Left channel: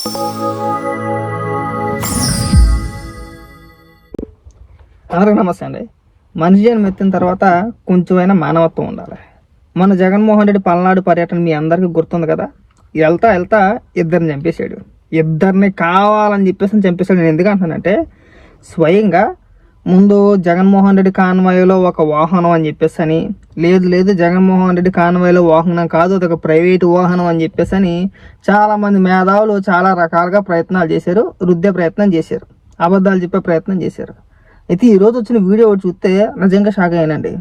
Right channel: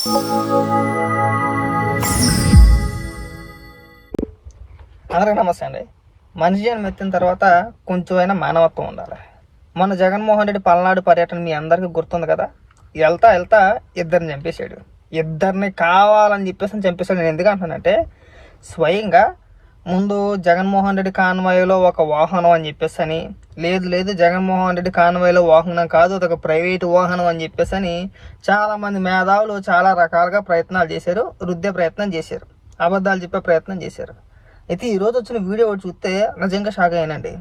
అందరికి నమస్తే అండి. మనిషి జన్మ ఎత్తిన తర్వాత కొంచెమైనా మానవత్వం ఉండాలి. మన జగన్మోహన్ రెడ్డి పల్నాడు పర్యటన మీ అందరికీ గుర్తుంది కదా? వెళ్తా వెళ్తా ఇద్దరిని చంపేశాడు. ఇద్దరిని కావాలని చెప్పేసి చంపేశాడు. నేను ఎందుకు అంటున్నానంటే స్వయంగా ముందు జగన్మోహన్ రెడ్డి కాన్వాయ్లో ఒక వాహనం అని చెప్పేసి అని లేదు లేదు జగన్మోహన్ రెడ్డి కాన్వాయ్లో వాహనం కాదు అదొక ప్రైవేటు వాహనం అని చెప్పేసి అని చాలా మంది మేధావులు చాలా రకాలుగా ప్రయత్నాలు చేశారు రుద్దే ప్రయత్నం చేశారు అబద్ధాలు చెప్పే ప్రయత్నం చేశారు. అయితే ఈరోజు వచ్చిన వీడియో ఒకటి చూస్తే నిజంగా షాక్ అయినండి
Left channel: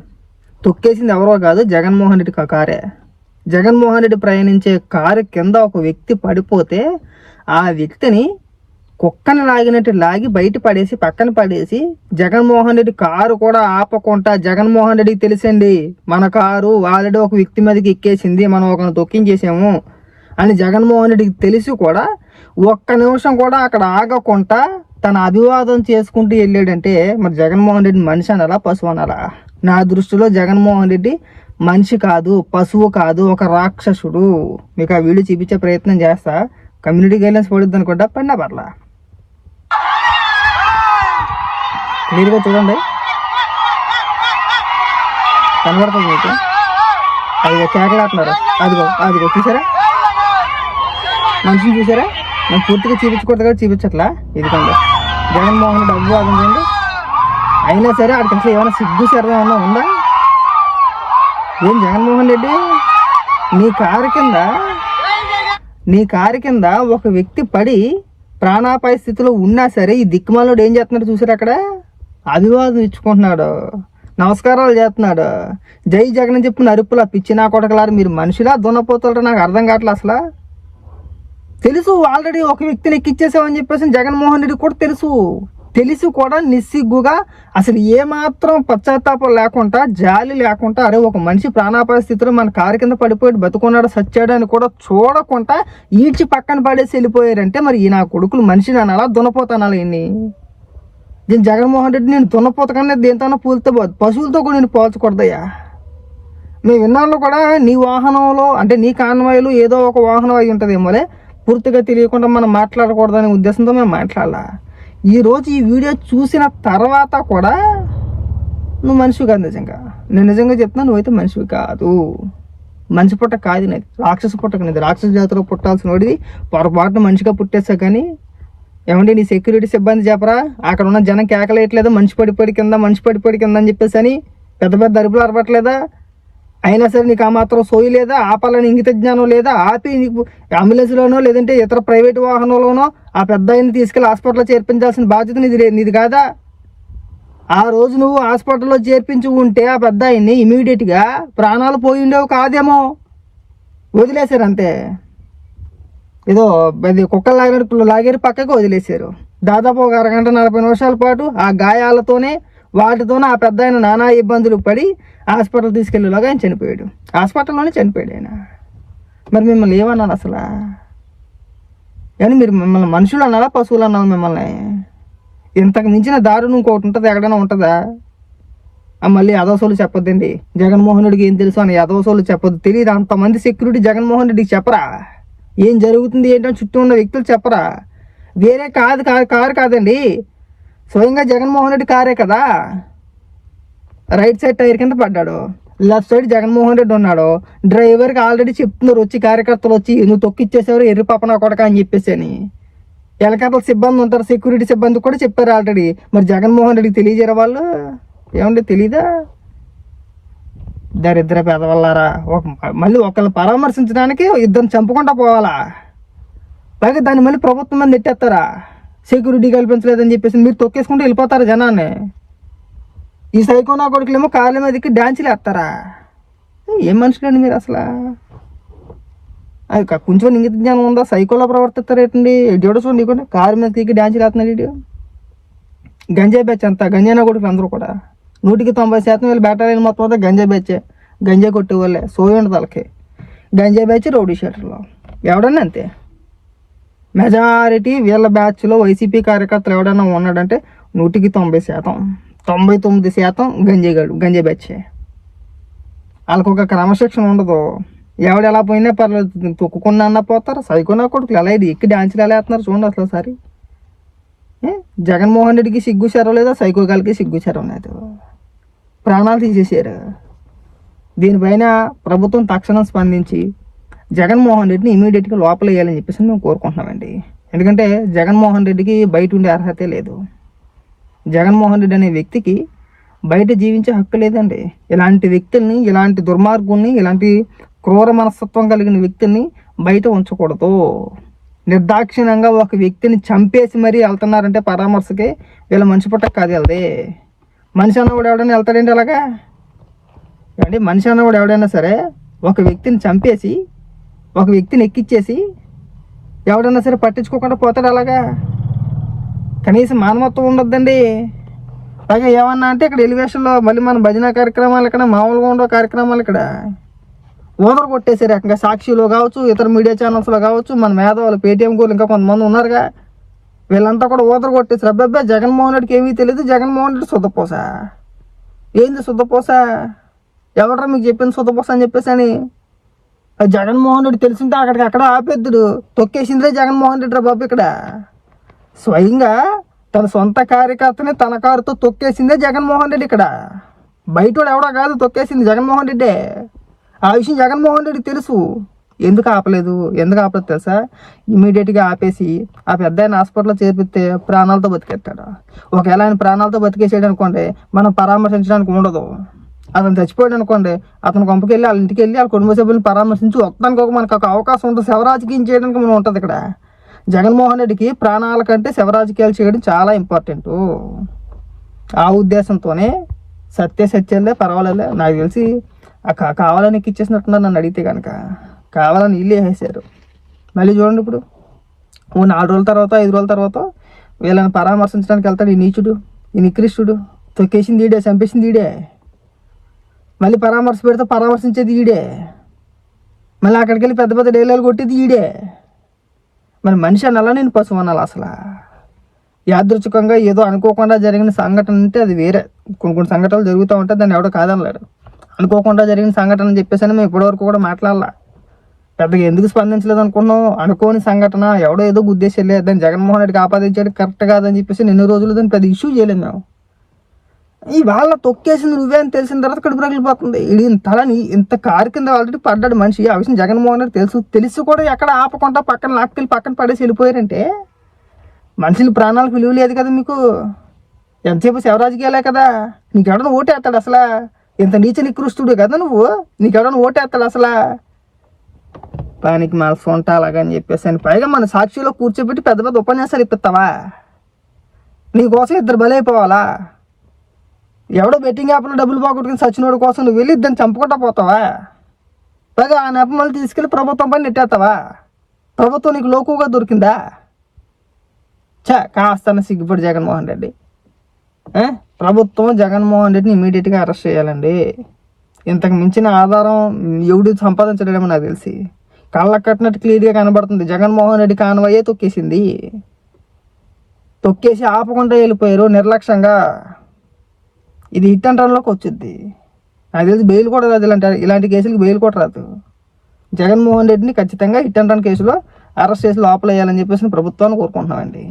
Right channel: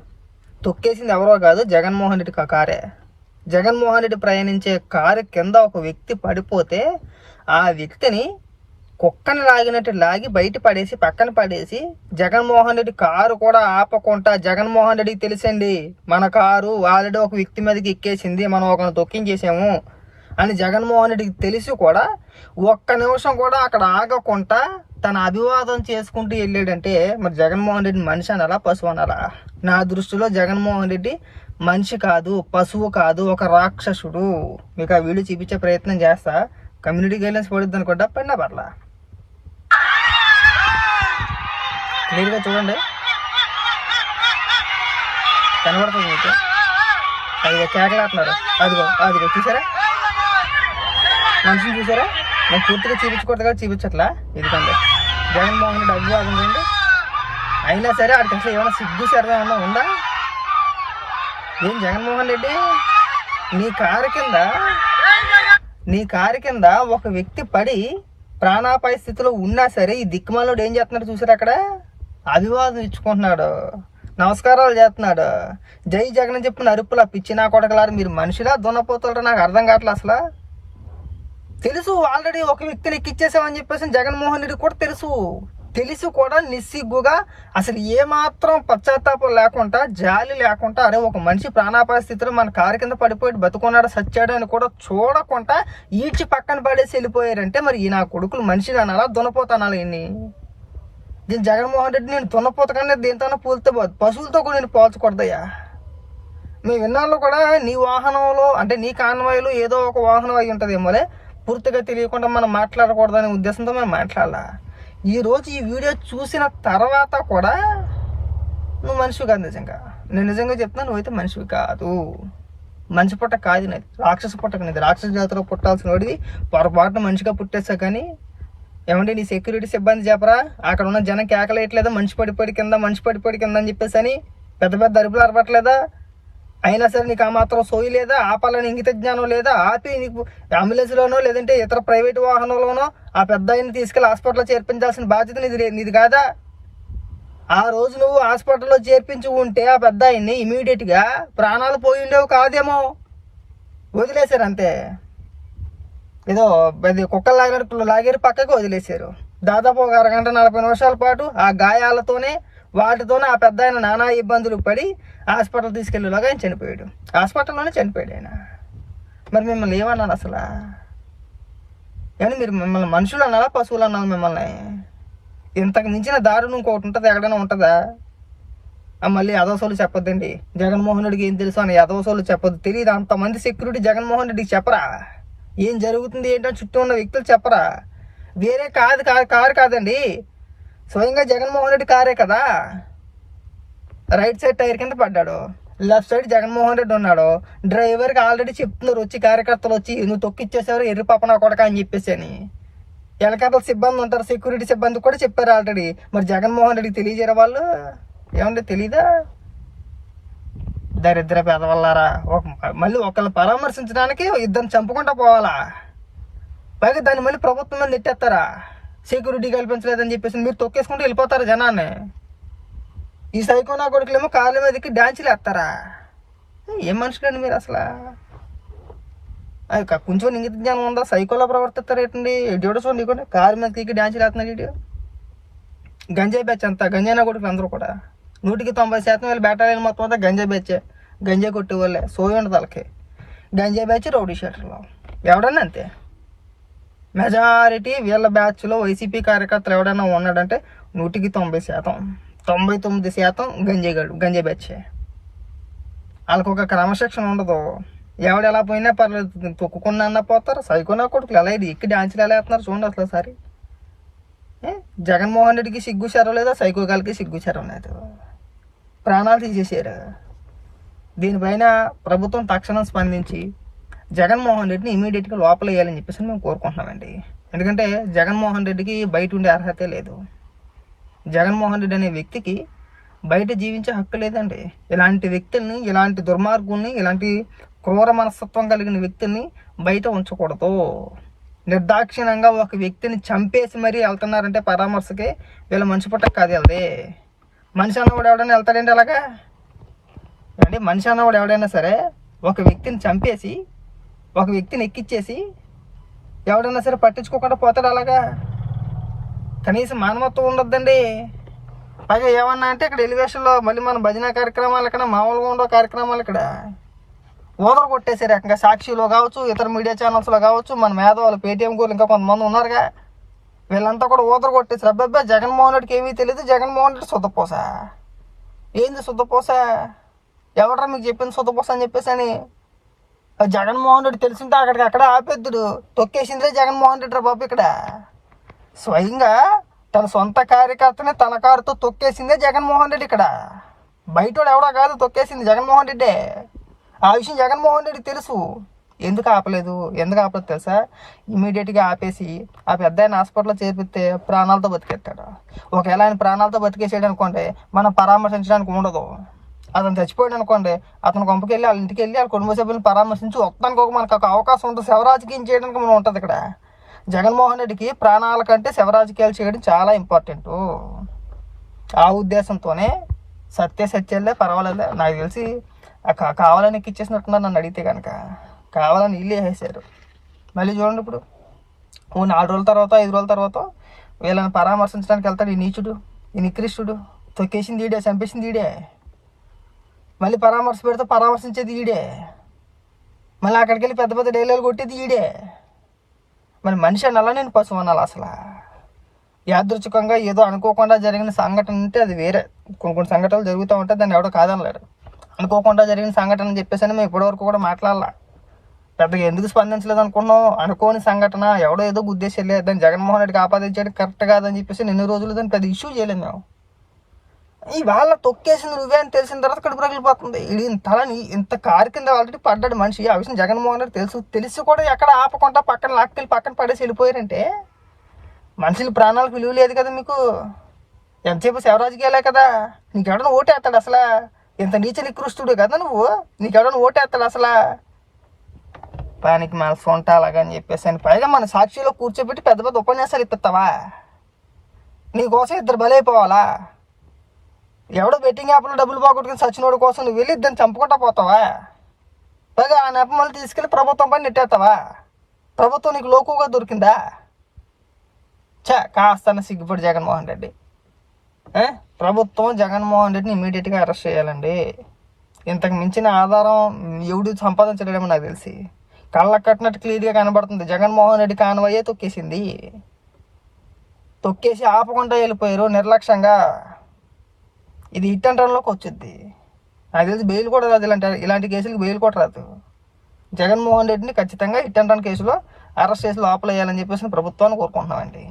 తొక్కేసింది ఎవరో కాదు జగన్మోహన్ రెడ్డి కారే. జగన్మోహన్ రెడ్డి ప్రయాణించే కారు కింద ఒక వ్యక్తి పడిపోతే ఆ వ్యక్తిని కుక్కని లాగినట్టు లాగి బయట పడేసి పక్కన పడేసి జగన్మోహన్ రెడ్డి కారు కూడా ఆపకుండా జగన్మోహన్ రెడ్డికి తెలిసండి మన కారు ఆల్రెడీ ఒక వ్యక్తి మీదకి ఎక్కేసింది మనం ఒకరిని తొక్కించేసాము అని జగన్మోహన్ రెడ్డికి తెలిసి కూడా ఒక్క నిమిషం కూడా అక్కడ ఆగకుండా తన అభివాదం చేసుకుంటూ వెళ్ళాడంటే మరి జగన్మోహన్ రెడ్డి మనిషి అనాలా పశువు అనాలా? నా దృష్టిలో జగన్మోహన్ రెడ్డి మనిషి కాదు పశువు కాదు ఒక రాక్షసుడు. మీకు ఆ వీడియో చూపించే ప్రయత్నం చేస్తా. కమ్యూనిటీ గైడ్లైన్స్ పడుద్ది అనుకుంటా పడినా పర్లా. క్లియర్గా చూడండి. కనబడుతుంది మీకు అదిగో కేకలాడుతున్నారు అదిగో అదిగో చూసారా? మనిషిని చూసారా? నేను పూర్తిగా చూపించకూడదు కదా చూపించట్లా. ఇదిగోండి. జగన్మోహన్ డబ్బు అదండి అయినా సరే ఆడికి అసలు ఏమైనా సిగ్గు సరదా ఏమైనా ఉందా? ఏం జగన్మోహన్ రెడ్డి? నీ కారు కింద నీ కారు కింద ఒక వ్యక్తి పడి ప్రాణాపాయ స్థితిలో ఉన్నా సరే ఈ దిక్కుమాలోడు ఏం చేస్తున్నాడు చూసారు అక్కడ? అభివాదం ఇచ్చుకుంటున్నాడు. నమస్కారాలు చేస్తున్నాడు. జై జగన్ అని చెప్పిన అరుపులా పిచ్చి నా కొడకలారు మీరు మనుషులా? దున్నపోతారు నాకు అర్థం కావట్లే అసలు. తెలుసు ఆల్రెడీ ఒక వ్యక్తిని ఎక్కిచ్చేసామని చెప్పేసి జగన్మోహన్ రెడ్డి కూడా తెలుసు. తెలిసి కూడా నిస్సిగ్గుగా. అసలు ఏమాత్రం పశ్చాత్తాపం లేకుండా జాలి లేకుండా అరే ఒక మనిషి ప్రాణాపాయ స్థితిలో మన కారు కింద పడిపోయి బతుకున్నాడు సచ్చాడు అని కూడా చూడకుండా ఈడ్చి పక్కన పడేసి వెళ్ళిపోయారంటే మరి ఈ నా కొడుకులు మనిషిని అనాలా? దున్నపోతానాలా ఇన్ని దీని జగన్మోహన్ రెడ్డి నేను తున్నపోత కన్నా దేంతోనో పూలతో పోదు. పశువులతో కూడా నేను పోల్చకూడదయ్యా మేము విన్నాళ్ళు కూడా నీ వాహనంలో అంటే నీ కాన్వాయిలు ఏదో ఒక వాహనం అయి ఉంటుందేమోలే. పూర్తిగా తెలియకుండా మనం మాట్లాడకూడదనే ఉద్దేశంతో మేము మాట్లాడాల. ఈరోజు ఈ వీడియో చూసిన తర్వాత కూడా నువ్వు మనిషివి కాదు నిజంగా. నేను నిజంగా చెప్తున్నా నువ్వైతే మనిషివి కాదు. మనిషి పుట్ట కాదు నాది. రాక్షస పుట్టక రాక్షస జాతిలో పుట్టాల్సిన వాడిది పొరపాటున మనిషిగా పుట్టేస్తా కానీ ఏమంటే నీ సెక్యూరిటీ సిబ్బంది చెప్పరా? అక్కడ ఉన్న జనం కేకలేయట్లేదా మనిషి పడిపోయి కింద మనిషి పడిపోయి కింద అని చెప్పేసి అని పెద్ద పెద్ద అరుపులు అరపట్లేదా అయినా సరే నీకు ఆ మాత్రం సోయి లేదా? ఆపాలని ఇంగిత జ్ఞానం లేదా? ఆపి నీకు అంబులెన్స్లోనో లేదంటే ఇతర ప్రైవేట్ వాహనంలోనో ఆ పెద్ద ఆయన్ని తీసుకెళ్ళి హాస్పిటల్లో చేర్పించాల్సిన బాధ్యత నీది నీది కాదా? ఆ రోజు నువ్వు హాస్పిటల్లో చేర్పించి ఉంటే ఆ పెద్ద ఆయన్ని ఇమీడియట్గా ప్రాణాలు పోయి ఉండేవి కాదేమో. వదిలేశారు అంతే. ఏదో అది కుక్కలు లాగినట్టు లాగారు పక్కకు వదిలేశారు. దాదాపు ఒక అరగంట నలభై నిమిషాల పాటు ఆ గాయాలతోనే వాటితోనే ఆ పెద్ద ఆయన నానా ఇబ్బందులు పడి హాస్పిటల్ తీసుకెళ్ళేలాగా ఆయన చనిపోయాడు. హాస్పిటల్లోనే చనిపోయాడు ఆయన. మరి మిమ్మల్ని ఏమన్నాను అసలు? కానీ మీరు మిమ్మల్ని మనుషులు అన్నారా పశువులు అన్నారు మిమ్మల్ని? ఇంతకు మించిన దారుణం ఇంకోటి ఉంటుంది? ఎక్కడైనా ఉంటుందా? మళ్ళీ యదోసోలు చెప్పొద్దండి. జగన్మోహన్ రెడ్డికి ఏం తెలుసు అని యదోసోలు చెప్పొద్దు. తెలియదు అంతమంది సెక్యూరిటీ జగన్మోహన్ రెడ్డికి చెప్పరా? ఏం జరుగుతుంది ఏంటని చుట్టూ ఉన్న వ్యక్తులు చెప్పరా? వేరే కాదు కాదు కారు కాదండి. స్వయంగా జగన్మోహన్ రెడ్డి కారే కదా. రైట్ సైడ్ టైర్ కింద పడ్డాడు. లెఫ్ట్ సైడ్ జగన్మోహన్ రెడ్డి ఉన్నాడు. డ్రైవర్కి ఆల్రెడీ చెప్తున్నారు వచ్చి కార్యకర్తలు వచ్చి నువ్వు తొక్కిచ్చేసేవారు ఎర్రి పాపన కొడక అని చెప్పేసి అని. ఎలకతల సిబ్బంది ఉంటారు సెక్యూరిటీ సిబ్బంది కూడా చెప్పారు ఆల్రెడీ. మరి జగన్మోహన్ రెడ్డికి తెలియజేరే వాళ్ళు? ఏమంటే తెలీదా? దరిద్ర పెదవల్లారా? ఒక మళ్ళీ ఒకరిని పరామర్శించడానికి ఇద్దరిని చంపుకుంటా పోవాలా? పైగా దాన్ని మళ్ళీ ప్రభుత్వం మంది నెట్టేస్తారా? సెక్యూరిటీ కల్పించలేదని చెప్పేసి మీరు తొక్కేసుకుంటూ వెళ్ళిపోతారా జనాన్ని? ఈ సైకోనా కొడుకులేమో కాళ్ళ మీదకి డాన్సులు వేస్తారా? ఏం మనుషులండి మీరు అసలు? అది కొంచెం ఇంగిత జ్ఞానం ఉందా? సైకోలా ప్రవర్తిస్తారు ఏంటండి? జోడు చూడండి నీకు. కారు మీదకి డాన్సులు వేస్తున్నాడు ఇటు గంజాయి బ్యాచ్ అంతా గంజాయినా కొడుకులు అందరూ కూడా. నూటికి తొంభై శాతం వీళ్ళు బేటాలని మొత్తం అంతా గంజా బెచ్చే గంజా కొట్టే వాళ్ళే. సోయి ఉండదు వాళ్ళకి. గంజా బ్యాచ్ రౌడీ షీటర్లో. ఎవడన్నా అంతే. మెజారిటీ వీళ్ళ బ్యాచ్లో వైసీపీ కార్యకర్తలు ఎవడన్నా ఉన్నాడంటే నూటికి తొంభై శాతం. తొంభై తొమ్మిది శాతం గంజాగాడు గంజా గంజాయి బ్యాచే వాళ్ళకు ఒక క్రమశిక్షణ ఉండదు. ఎవడు ఎలా పోయినా పర్లేదు. తొక్కుకున్నా అన్న పోతారు. సైకున్నా కొడుకులు ఎలా ఇది? ఎక్కి డాన్సులు ఎలా వేస్తున్నారు చూడండి అసలు ఒకసారి. జగన్మోహన్ రెడ్డికి సిగ్గు శరం లేదా సైకో గాలికి సిగ్గు శరం లేదు. ప్రాణాలు తీసేసారు దీనిపైన ప్రభుత్వం తక్షణం స్పందించి జగన్మోహన్ రెడ్డిని ఇమీడియట్గా లోపలేయాలని చెప్పేసి మేము కోరుకుంటున్నామండి. ఎందుకంటే జగన్మోహన్ రెడ్డికి బయట ఉండే అర్హతే లేదు. జగన్మోహన్ రెడ్డి అనే వ్యక్తికి బయట జీవించే హక్కు లేదండి. ఇలాంటి వ్యక్తుల్ని ఇలాంటి దుర్మార్గుల్ని ఇలాంటి క్రూర మనస్తత్వం కలిగిన వ్యక్తుల్ని బయట ఉంచకూడదు. నిర్దాక్షిణ్యంగా ఒక వ్యక్తిని చంపేసి మరీ వెళ్తున్నారంటే పరామర్శకి వీళ్ళ మనిషి పుట్టక కాదు వెళ్దే మనిషి అన్న కూడా ఎవడైనా వెళ్తాడండి అలాగా? అంటే మనిషి అన్న కూడా ఎవడైనా సరే ఒక వ్యక్తిని చంపేసి ఒక వ్యక్తిని ఎక్కిచ్చేసి ఎవడైనా సరే పట్టించుకోకుండా పోతాడు అలాగా? కనీసం మానవత్వం ఉండొద్దండి. పైగా ఏమన్నా అంటే ఇక్కడ ఎలివేషన్లో మళ్ళీ మన భజన కార్యక్రమాలు ఇక్కడ మామూలుగా ఉండవు కార్యక్రమాలు ఇక్కడ. ఊదరు కొట్టేశారు రకంగా సాక్షిలో కావచ్చు ఇతర మీడియా ఛానల్స్లో కావచ్చు మన మేధావులు పేటీఎం గోలు ఇంకా కొంతమంది ఉన్నారుగా. వీళ్ళంతా కూడా ఓదరు కొట్టేసారు అబ్బాయి జగన్మోహన్ రెడ్డికి ఏమీ తెలియదు జగన్మోహన్ రెడ్డి శుద్ధపోస ఏంది శుద్ధపోస ఎవడరా మీకు చెప్పింది శుద్ధపోస అని చెప్పేసి అని? జగన్మోహన్ రెడ్డి తెలిసింటే అక్కడికి అక్కడ ఆపేద్దుడు. తొక్కేసిందిరే జగన్మోహన్ రెడ్డి రా బాబు ఇక్కడ. స్వయంగా తన సొంత కార్యకర్తని తన కారుతో తొక్కేసిందే జగన్మోహన్ రెడ్డి ఇక్కడ. బయట ఎవడో కాదు తొక్కేసింది జగన్మోహన్ రెడ్డే. ఆ విషయం జగన్మోహన్ రెడ్డి తెలుసు. ఎందుకు ఆపలేదు? ఎందుకు ఆపలేదు తెలుసా? ఇమీడియట్గా ఆపేసి ఆ పెద్ద ఆయన హాస్పిటల్లో చేర్పిస్తే ప్రాణాలతో బతికేస్తాడు? ఒకవేళ ఆయన ప్రాణాలతో బతికేసాడు అనుకోండి మనం పరామర్శించడానికి ఉండదు. అతను చచ్చిపోయాడు అనుకోండి అతను కొంపకి వెళ్ళి వాళ్ళ ఇంటికి వెళ్ళి వాళ్ళ కుటుంబ సభ్యులను పరామర్శించి వస్తానికి ఒక మనకు ఒక అవకాశం ఉంటుంది. శవరాజకీయం చేయడానికి మనం ఉంటుంది ఇక్కడ. జగన్మోహన్ రెడ్డికి ప్రాణాల కంటే శివరాజకీయాలు చేయడం చాలా ఇంపార్టెంట్ ఆ ఉద్దేశంతోనే సత్య సత్యాలే పర్వాలేదు నాకు తెలిసి కావాలని ఇచ్చేసినట్టున్నారు నన్ను అడిగితే కనుక కావాలని ఇల్లు వేసేసారు మళ్ళీ చూడండి ఇప్పుడు. ఓ నాలుగు రోజుల తర్వాత ఐదు రోజుల తర్వాత వీళ్ళని పరామర్శించడానికి వెళ్తాడు ఈ నీచుడు ఈ నికృష్టుడు. తొక్కేసింది ఈడే చంపేసింది ఈడే. మళ్ళీ పరామర్శ పెడితే పరామర్శించేది ఈడే. మళ్ళీ అక్కడికి వెళ్ళి పెద్ద పెద్ద డైలాగులు కొట్టేది ఈడే. మరి మనిషి అనాలా నేను పశువు అనాలి అసలు? యాదృచ్ఛికంగా ఏదో అనుకోకుండా జరిగిన సంఘటన అంటే అది వేరే. కొన్ని కొన్ని సంఘటనలు జరుగుతూ ఉంటే దాన్ని ఎవడో కాదనలేడు. అనుకోకుండా జరిగిన సంఘటన అని చెప్పేసి అని మేము ఇప్పటివరకు కూడా మాట్లాడాల. పెద్దగా ఎందుకు స్పందించలేదు అనుకున్నాం. అనుకోని సంఘటన ఎవడో ఏదో ఉద్దేశం లేదు దాన్ని జగన్మోహన్ రెడ్డికి ఆపాదించాడు కరెక్ట్ కాదని చెప్పేసి ఎన్ని రోజులు దాన్ని పెద్ద ఇష్యూ చేయలేము మేము. ఈ వాళ్ళ తొక్కేసింది నువ్వే అని తెలిసిన తర్వాత కడుపు రగిలిపోతుంది. ఇది ఇంతలని ఇంత కారు కింద ఆల్రెడీ పడ్డాడు మనిషి. ఆ విషయం జగన్మోహన్ రెడ్డి తెలుసు. తెలిసి కూడా ఎక్కడ ఆపకుండా పక్కన లాక్కెళ్ళి పక్కన పడేసి వెళ్ళిపోయారంటే మనుషులు ప్రాణాలకు విలువ లేదు కదా మీకు. ఎంతసేపు శివరాజకీయాలే కదా. నీకు ఎవడన్నా ఓటేస్తాడు అసలు. ఇంత నీచ నికృష్టుడు కదా నువ్వు? నీకెవడన్నా ఓటేస్తాడు అసలు? పానికి మా సొంట అలాగని చెప్పేసి అని. పైగా మన సాక్షిలో కూర్చోబెట్టి పెద్ద పెద్ద ఉపన్యాసాలు ఇప్పిస్తావా నీకోసం ఇద్దరు బలైపోవాలా? ఎవడో బెట్టింగ్ యాప్లో డబ్బులు పోగొట్టుకుని సచినోడు కోసం నువ్వు వెళ్ళి ఇద్దరిని చంపుకుంటా పోతావా? పైగా ఆ నెప మళ్ళీ తీసుకెళ్ళి ప్రభుత్వం పని నెట్టేస్తావా ప్రభుత్వం నీకు లోకుగా దొరికిందా? చా కాస్తానే సిగ్గుపడి జగన్మోహన్ రెడ్డి. ఏ? ప్రభుత్వం జగన్మోహన్ రెడ్డిని ఇమీడియట్గా అరెస్ట్ చేయాలండి. ఇంతకు మించిన ఆధారం ఎవడు సంపాదించలేమో నాకు తెలిసి. కళ్ళకు కట్టినట్టు క్లియర్గా కనబడుతుంది. జగన్మోహన్ రెడ్డి కానవయ్యే తొక్కేసింది. తొక్కేసి ఆపకుండా వెళ్ళిపోయారు నిర్లక్ష్యంగా. ఇది హిట్ అండ్ రన్లోకి వచ్చింది నాకు తెలిసి బెయిల్ కూడా రాదు ఇలాంటి ఇలాంటి కేసులకు బెయిల్ కూడా రాదు. జగన్మోహన్ రెడ్డిని ఖచ్చితంగా హిట్ అండ్ రన్ కేసులో అరెస్ట్ చేసి లోపలేయాలని చెప్పేసి ప్రభుత్వాన్ని కోరుకుంటున్నామండి.